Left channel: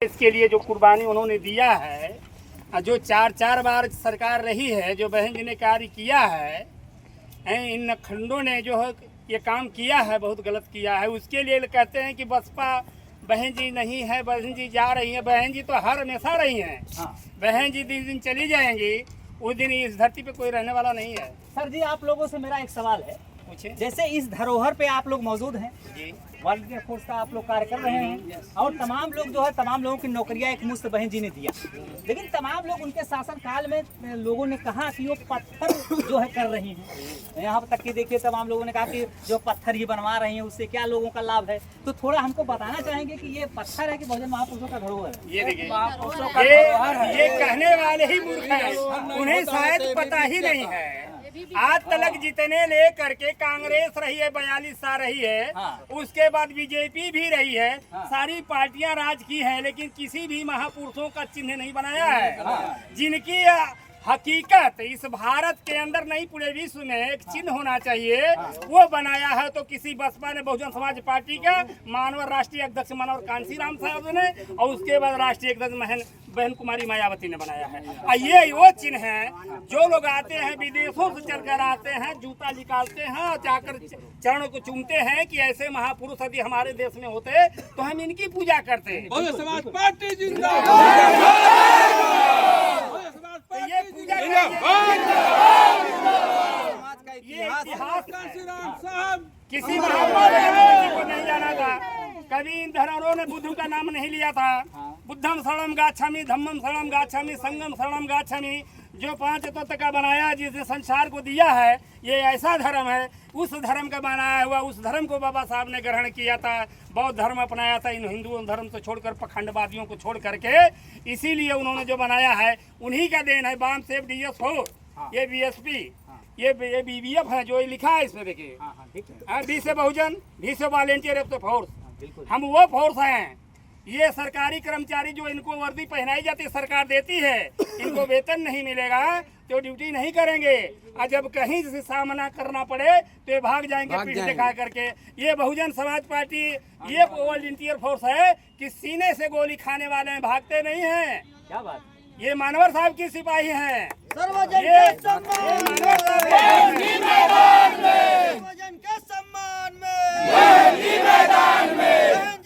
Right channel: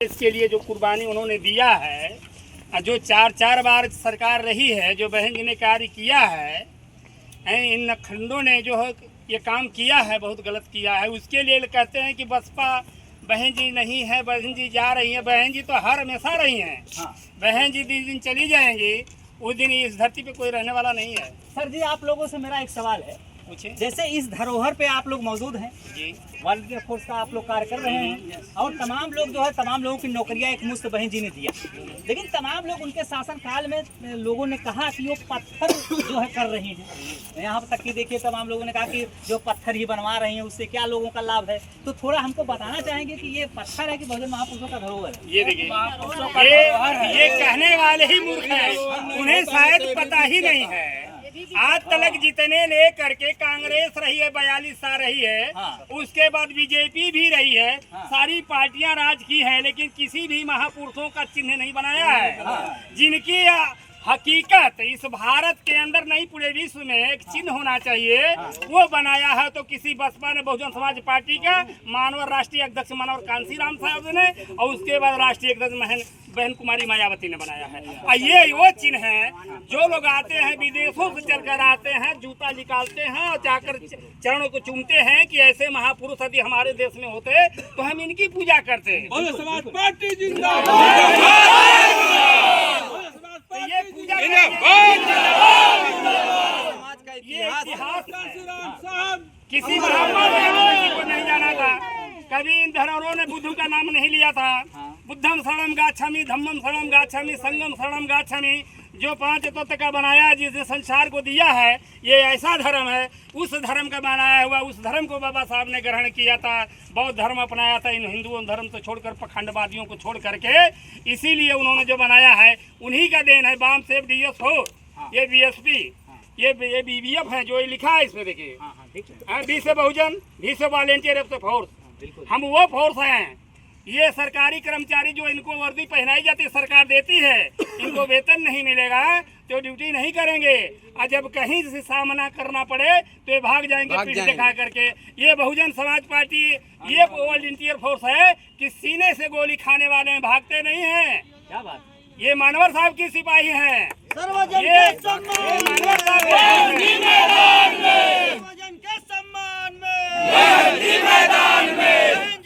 इसके लिए जो कुर्बानी उन्होंने दिया है, जो चार बार सरकार रही है, जो बहन जी ने कार्य किया है, इन खंडों ने जो है ये काम किया है, बहुत गलत किया है। उसके लिए कहते हैं कि बसपा बहन जी नहीं है, बहन जी जा रही है। बहन जी तो हर हमेशा रही हैं। हाँ। बहन जी जिस दिन चली जाएंगी उस दिन इस धरती पे कोई रहने वाला नहीं है। सर जी, आप लोगों से मेरा एक सवाल है। जैसे इस धरोहर पे आप लोग मौजूद हैं, वॉलंटियर फोर्स का आप लोग कार्य कर रहे हैं, और तमाम लोग जो है तमाम लोगों की नौकरियां एक मुश्त बहन जी ने दिया, लेकिन तमाम लोग उनके शासन काल में लोगों ने कहा कि वो पत्थर जो है कर रही हैं। यहाँ तक कि देखिए तमाम लोगों ने कहा कि जो पत्थर ही बनवा रही हैं उससे क्या लोगों का लाभ है। तो थोड़ा हमको बताना चाहेंगे कि ये पत्थर है कि बहुजन महापुरुषों का धरोहर है? ये देखिए, ये कहने वाले ही मूर्ख हैं, उन्हें शायद पता ही नहीं है। आज तक जितने ले करके कांग्रेस रही है, 42 साल रही है। हाँ। उसके बाद बीजेपी भी रही है। हाँ। सारी पार्टियां राज की हैं, लेकिन किसी भी महापुरुषों का चिन्ह नहीं बनाया है। हाँ। जिनकी हकीकत इस भारत के अंदर नहीं, पूरे विश्व में एक चिन्ह होना चाहिए, वो बनाया है। तो किसी बसपा ने, बहुजन समाज पार्टी का मानवर राष्ट्रीय अध्यक्ष मानवर कांसीराम साहब ने, और उसके बाद राष्ट्रीय अध्यक्ष बहन कुमारी मायावती ने बनाया है। और ये वो चिन्ह है, जो लोग आते हैं विदेशों से चलकर आते हैं, जूता निकालते हैं और जाकर चरणों को चूमते हैं कि ऐसे महापुरुष यदि हमारे देश में होते तो हम इनकी पूजा करते। बहुजन समाज पार्टी जिंदाबाद। ये पूजा ये इतिहास किसी महापुरुष को नहीं जाना था। कभी इन धरोहरों ने बुद्ध का नाम नहीं लिया था। बुद्धम शरणम गाच्छामि, धम्मम शरणम गाच्छामि, संगम शरणम गाच्छामि। जो 5 तत्व का बनाया, जिसने संसार को दिया है, ये ऐसा धर्म है। उस धर्म का बनाया हुआ, उस धर्म को बाबा साहब ने ग्रहण किया था, बौद्ध धर्म अपनाया था, इन हिंदुओं धर्म से छोड़कर, पखंडवादियों को छोड़ करके। इसीलिए उन्होंने जो बनाया है उन्हीं का देन है। बाम सेफ डीएस हो, ये बीएसपी, ये बीबीएफ है, जो ये लिखा है इसमें देखिए। बी से बहुजन, भी से वॉलेंटियर, एफ से फोर्स। हम वो फोर्स हैं। ये सरकारी कर्मचारी जो इनको वर्दी पहनाई जाती है, सरकार देती है, इनको वेतन नहीं मिलेगा तो ड्यूटी नहीं करेंगे। और जब कहीं से सामना करना पड़े तो ये भाग जाएंगे पीठ दिखा करके। ये बहुजन समाज पार्टी ये वॉलंटियर फोर्स है कि सीने से गोली खाने वाले हैं, भागते नहीं हैं। क्या बात? ये मानवर साहब की सिपाही हैं। ये मानवर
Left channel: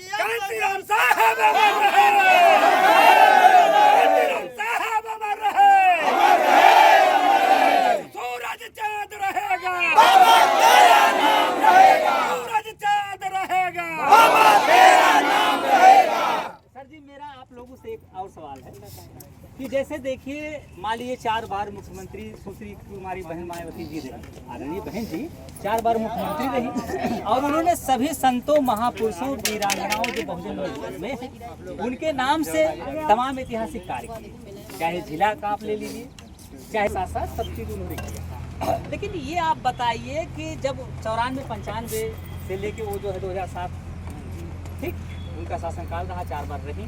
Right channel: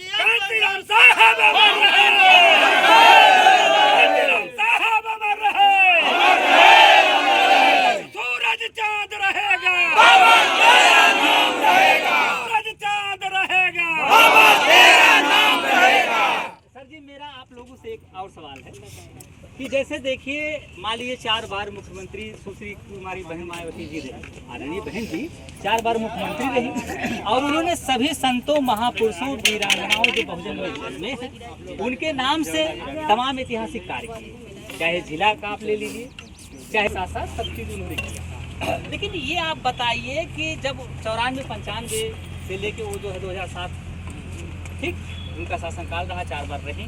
साहब कांसीराम साहब अमर रहे, सूरज चांद रहेगा, सूरज चांद रहेगा। सर जी, मेरा आप लोगों से एक और सवाल है कि जैसे देखिए, मान लीजिए 4 बार मुख्यमंत्री सुश्री कुमारी बहन मायावती जी रही, आदरणीय बहन जी 4 बार मुख्यमंत्री रही, और उन्होंने सभी संतों, महापुरुषों, वीरांगनाओं जो बहुजन में हैं, उनके नाम से तमाम ऐतिहासिक कार्य किए। चाहे जिला का आप ले लीजिए, चाहे साथ सब चीज़ उन्होंने किया। लेकिन ये आप बताइए कि जब 94-95 से लेके वो जो है 2007, ठीक, उनका शासनकाल रहा, 4 बार रही।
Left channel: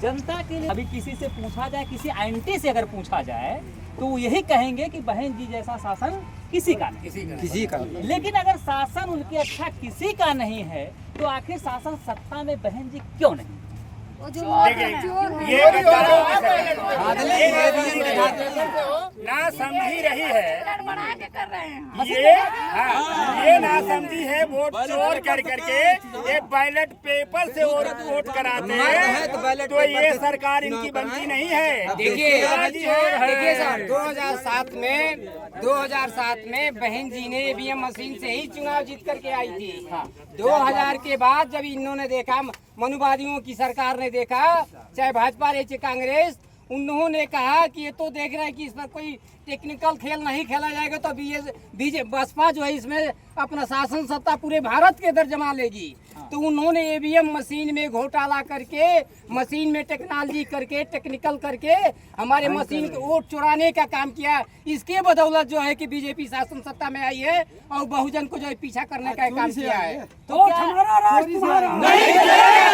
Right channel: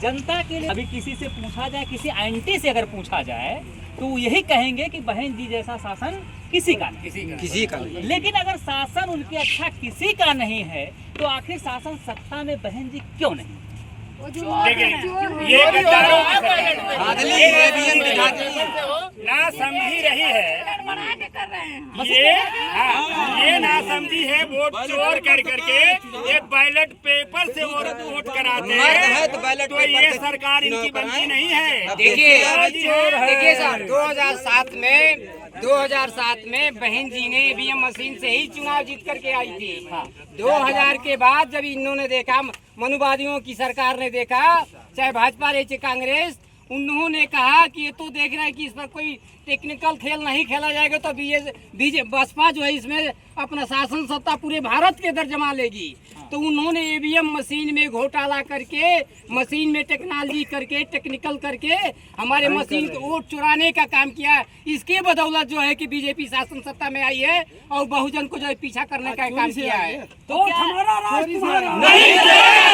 जनता के लिए अभी किसी से पूछा जाए, किसी एंटी से अगर पूछा जाए, तो वो यही कहेंगे कि बहन जी जैसा शासन किसी का नहीं। लेकिन अगर शासन उनके अच्छा किसी का नहीं है, तो आखिर शासन सत्ता में बहन जी क्यों नहीं? ये ना समझी रही है, ये ना समझी है। वोट चोर कर करके ये बैलेट पेपर से वोट कराते हैं, तो ये सरकार इनकी बनती नहीं है। देखिए सर, 2007 में बहन जी ने ईवीएम मशीन से ही चुनाव जीत करके आई थी। 2000 के बाद जब इन्होंने देखा, मनुवादियों की सरकार ने देखा, चाहे भाजपा रहे चाहे कांग्रेस, उन्होंने कहा कि ये तो देख रहे हैं कि इस पर कोई टेक्निकल खेल नहीं खेला जाएगा, तो बसपा जो है इसमें अपना शासन सत्ता पूरे भारत के अंदर जमा लेगी। तो उन्होंने ईवीएम मशीन में घोटाला करके, मशीन में टेक्नोलॉजी करके, टेक्निकल करके हमारे मशीन को वोट चुराने का काम किया। इसके बदौलत जो है कि बीजेपी शासन सत्ता में आई है और बहुजन को जो है पीछा करने का काम किया है। तो क्या हमारा राज तुम्हारा नहीं चलेगा?